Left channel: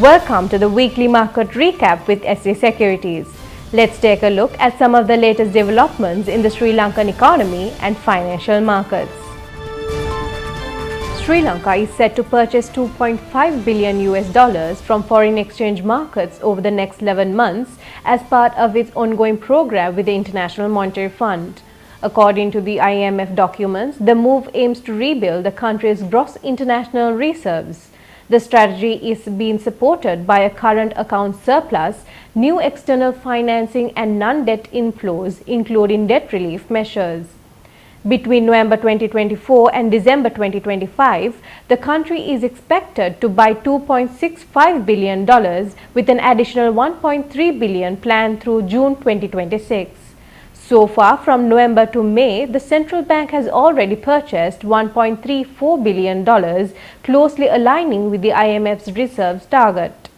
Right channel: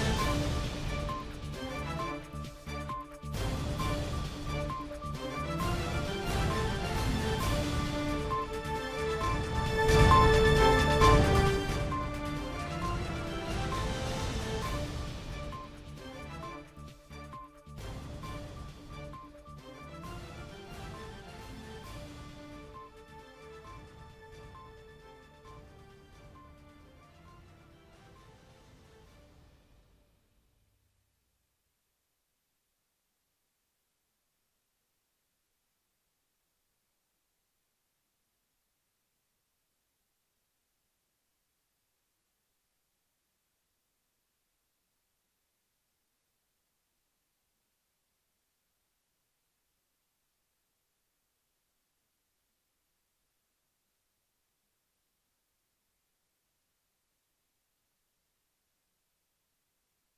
Welcome to the weekly market recap with SC Securities. Let's take a look at some of the latest developments in the Sri Lankan economy and financial markets. Sri Lanka is set to purchase $2.5 billion from foreign exchange markets over the next 11 months as part of its ongoing program with the International Monetary Fund. According to the IMF documents, the move aims to rebuild the country's gross international reserves. The strategy is being supported by a current account surplus, new external financing and non-debt inflows, including debt relief measures. Between November 2024 and December 2025, the country is expected to buy $2.65 billion with an additional $1.3 billion planned through June 2026. So far, from November to May, the central bank has already purchased $1.34 billion, closely aligning with the IMF's reserves target.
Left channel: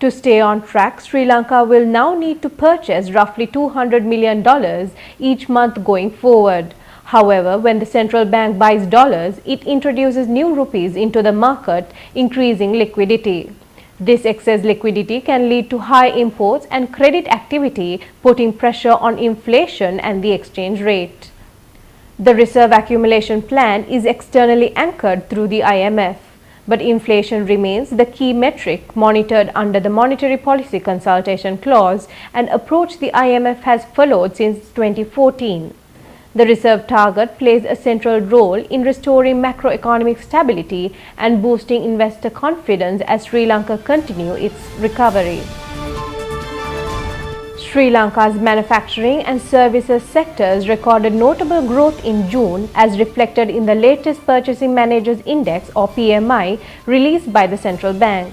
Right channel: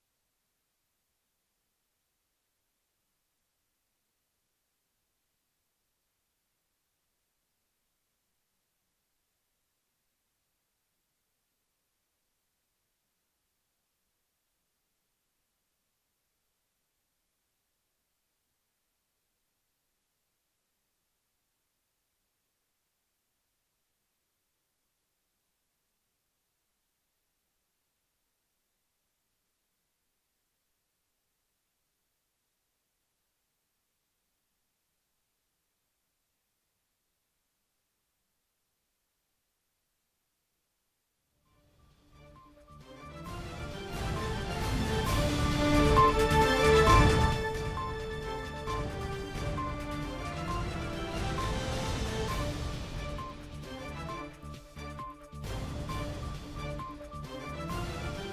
To stay on track, Sri Lanka will now need to purchase roughly $200 million each month going forward. However, when the central bank buys dollars, it introduces new rupees into the market, increasing liquidity. This excess liquidity can lead to high imports and credit activity, putting pressure on inflation and the exchange rate. The reserve accumulation plan is externally anchored through the IMF, but inflation remains the key metric monitored under the Monetary Policy Consultation Clause, an approach the IMF has followed since 2014. The reserve target plays a central role in restoring macroeconomic stability and boosting investor confidence as Sri Lanka continues its recovery. Sri Lanka's manufacturing and services sectors recorded notable growth in June as reflected in the latest Purchasing Managers Index or PMI released by the central bank.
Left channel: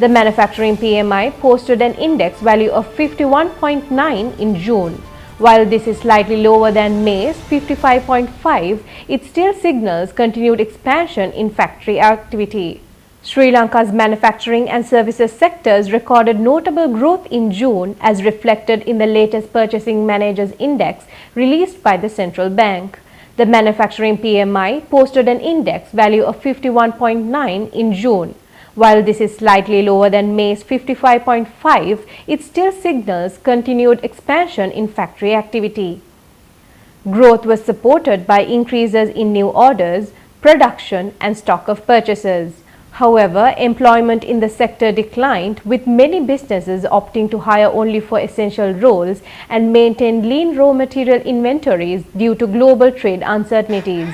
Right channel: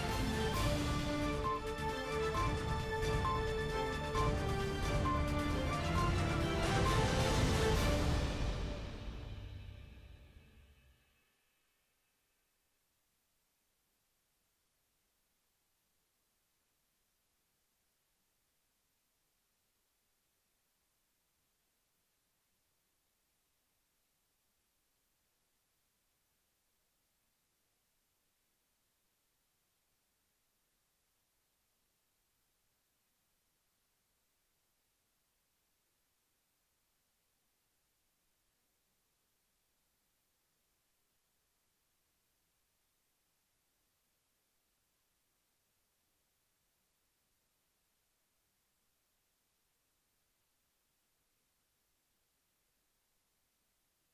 The manufacturing PMI posted an index value of 51.9 in June. While this is slightly lower than May's 55.5, it still signals continued expansion in factory activity. Sri Lanka's manufacturing and services sectors recorded notable growth in June as reflected in the latest Purchasing Managers Index released by the central bank. The manufacturing PMI posted an index value of 51.9 in June. While this is slightly lower than May's 55.5, it still signals continued expansion in factory activity. Growth was supported by increases in new orders, production and stock of purchases. However, employment in the sector declined, with many businesses opting to hire only for essential roles and maintain lean raw material inventories due to global trade uncertainties.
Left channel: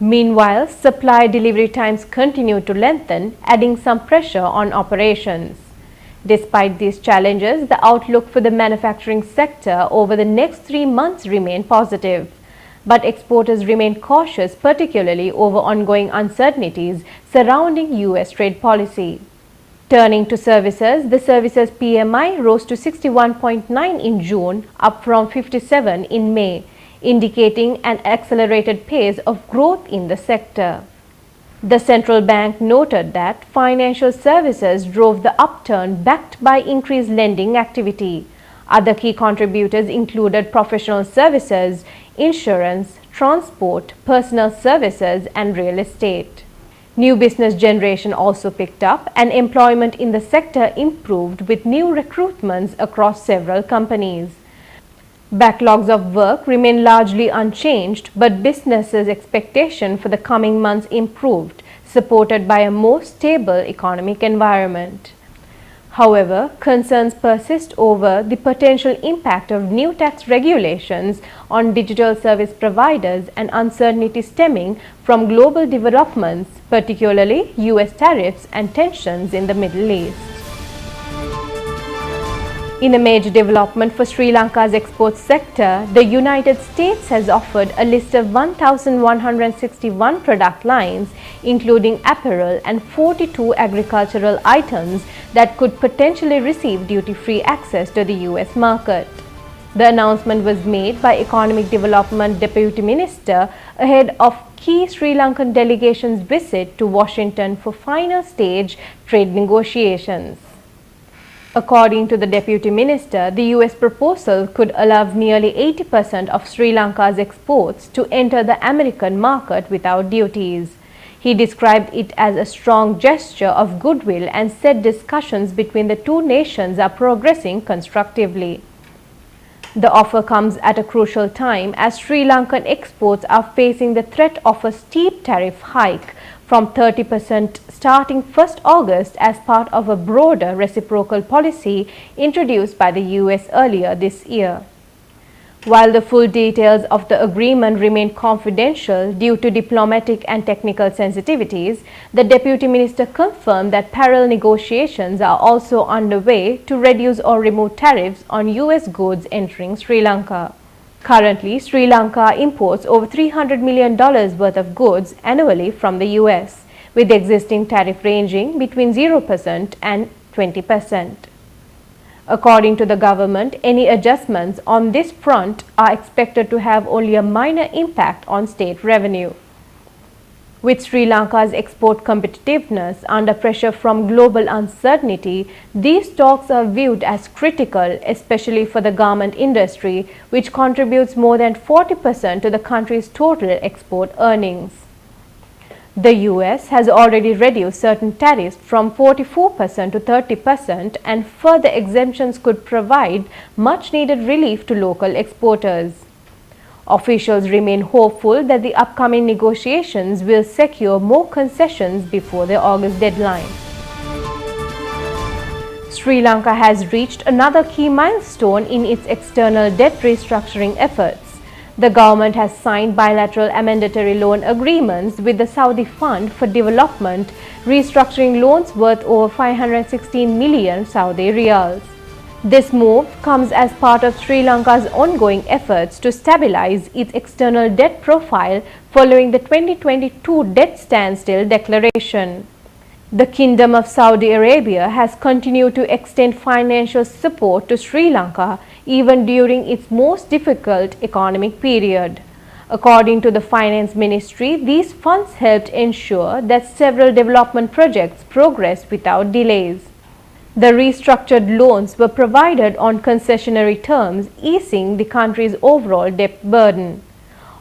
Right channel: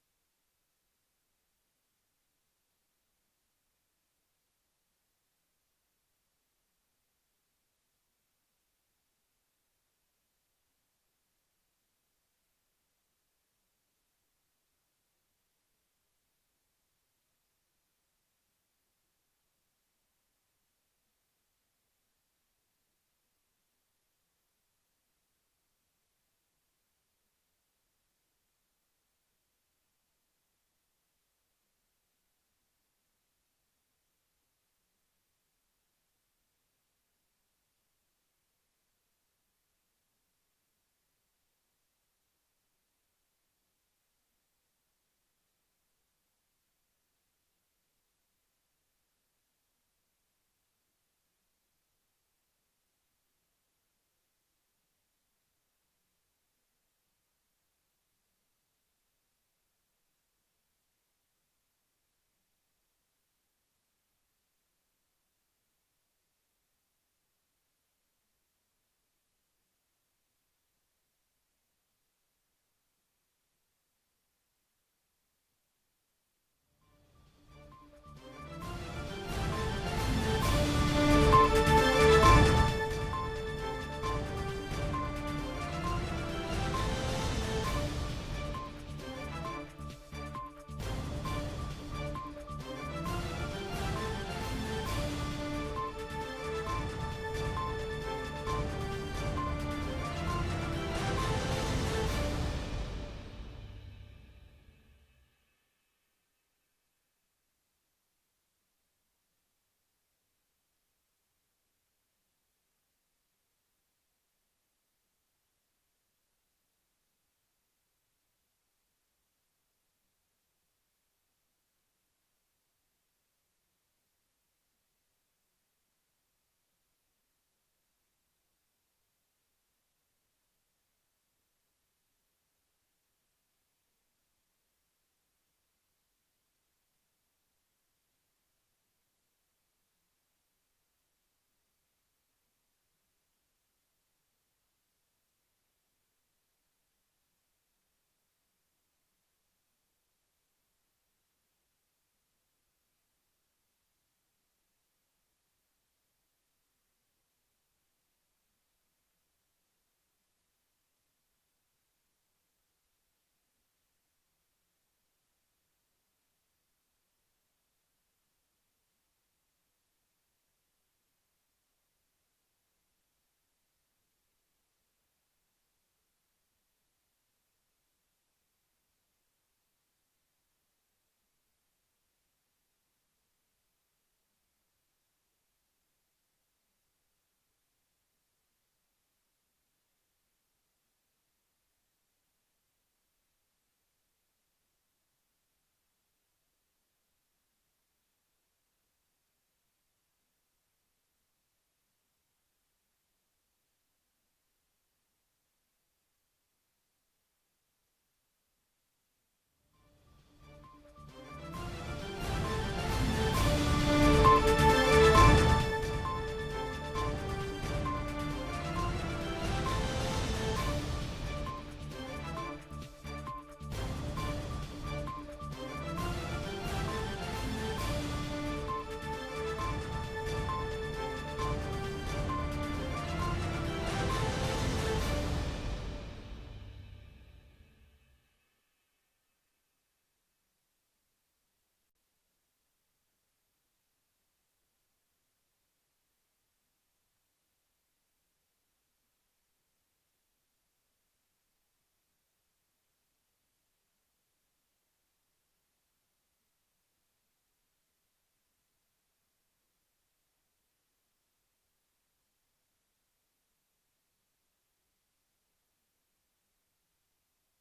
Meanwhile, supply delivery times continue to lengthen, adding some pressure on operations. Despite these challenges, the outlook for the manufacturing sector over the next 3 months remains positive. But exporters remain cautious, particularly over ongoing uncertainties surrounding US trade policy. Turning to services, the services PMI rose to 61.9 in June, up from 57 in May, indicating an accelerated pace of growth in the sector. The central bank noted that financial services drove the upturn backed by increased lending activity. Other key contributors included professional services, insurance, transport, personal services, and real estate. New business generation also picked up and employment in the sector improved with new recruitments across several companies. Backlogs of work remain largely unchanged, but businesses' expectation for the coming months improved, supported by a more stable economic environment. However, concerns persist over the potential impact of new tax regulations on digital service providers and uncertainty stemming from global developments, particularly US tariffs and tensions in the Middle East. In a major development for Sri Lanka's export sector, the United States has offered a list of 1,161 product lines, including apparel and 42 agricultural items that could potentially receive duty-free access to the US market. The announcement was made by Economic Development Deputy Minister ahead of key Sri Lankan delegation's visit to Washington for final stage trade negotiations. According to the Deputy Minister, the US proposal could allow nearly 80% of Sri Lanka's exports to enter the American market without duties. He described it as a strong gesture of goodwill and said discussions between the two nations are progressing constructively. The offer comes at a crucial time as Sri Lankan exports are facing the threat of a steep tariff hike from 30% starting 1st August as part of a broader reciprocal policy introduced by the US earlier this year. While the full details of the agreement remain confidential due to diplomatic and technical sensitivities, the Deputy Minister confirmed that parallel negotiations are also underway to reduce or remove tariffs on US goods entering Sri Lanka. Currently, Sri Lanka imports over $300 million worth of goods annually from the US, with the existing tariff ranging between 0% and 20%. According to the government, any adjustments on this front are expected to have only a minor impact on state revenue. With Sri Lanka's export competitiveness under pressure from global uncertainty, these talks are viewed as critical, especially for the garment industry, which contributes more than 40% to the country's total export earnings. The US has already reduced certain tariffs from 44% to 30%, and further exemptions could provide much-needed relief to local exporters. Officials remain hopeful that the upcoming negotiations will secure more concessions before the August deadline. Sri Lanka has reached another key milestone in its external debt restructuring efforts. The government has signed bilateral amendatory loan agreements with the Saudi Fund for Development, restructuring loans worth over 516 million Saudi riyals. This move comes as part of Sri Lanka's ongoing efforts to stabilize its external debt profile following the 2022 debt standstill declaration. The Kingdom of Saudi Arabia has continued to extend financial support to Sri Lanka even during its most difficult economic period. According to the Finance Ministry, these funds helped ensure that several development projects progress without delays. The restructured loans were provided on concessionary terms, easing the country's overall debt burden.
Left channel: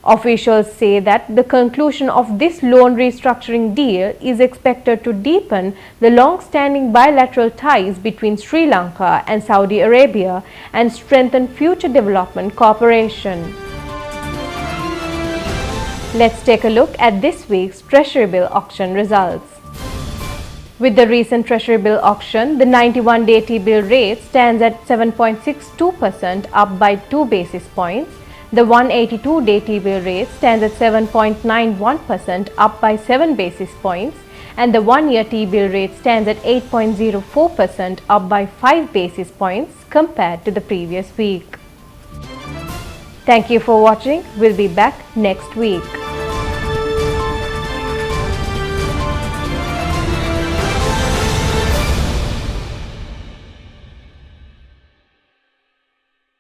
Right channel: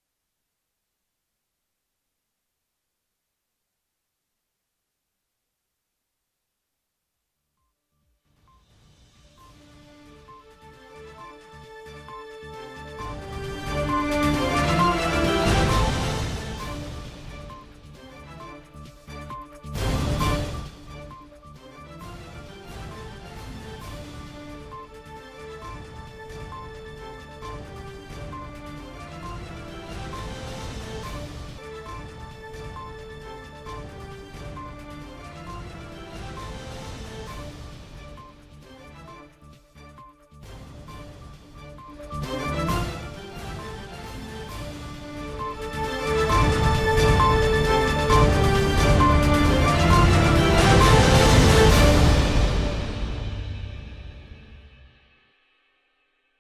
Officials say that the conclusion of this loan restructuring deal is expected to deepen the long-standing bilateral ties between Sri Lanka and Saudi Arabia and strengthen future development cooperation. Let's take a look at this week's Treasury Bill auction results. With the recent Treasury Bill auction, the 91-day T-bill rate stands at 7.62%, up by 2 basis points. The 182-day T-bill rate stands at 7.91%, up by 7 basis points, and the 1-year T-bill rate stands at 8.04%, up by 5 basis points compared to the previous week. Thank you for watching. We'll be back next week.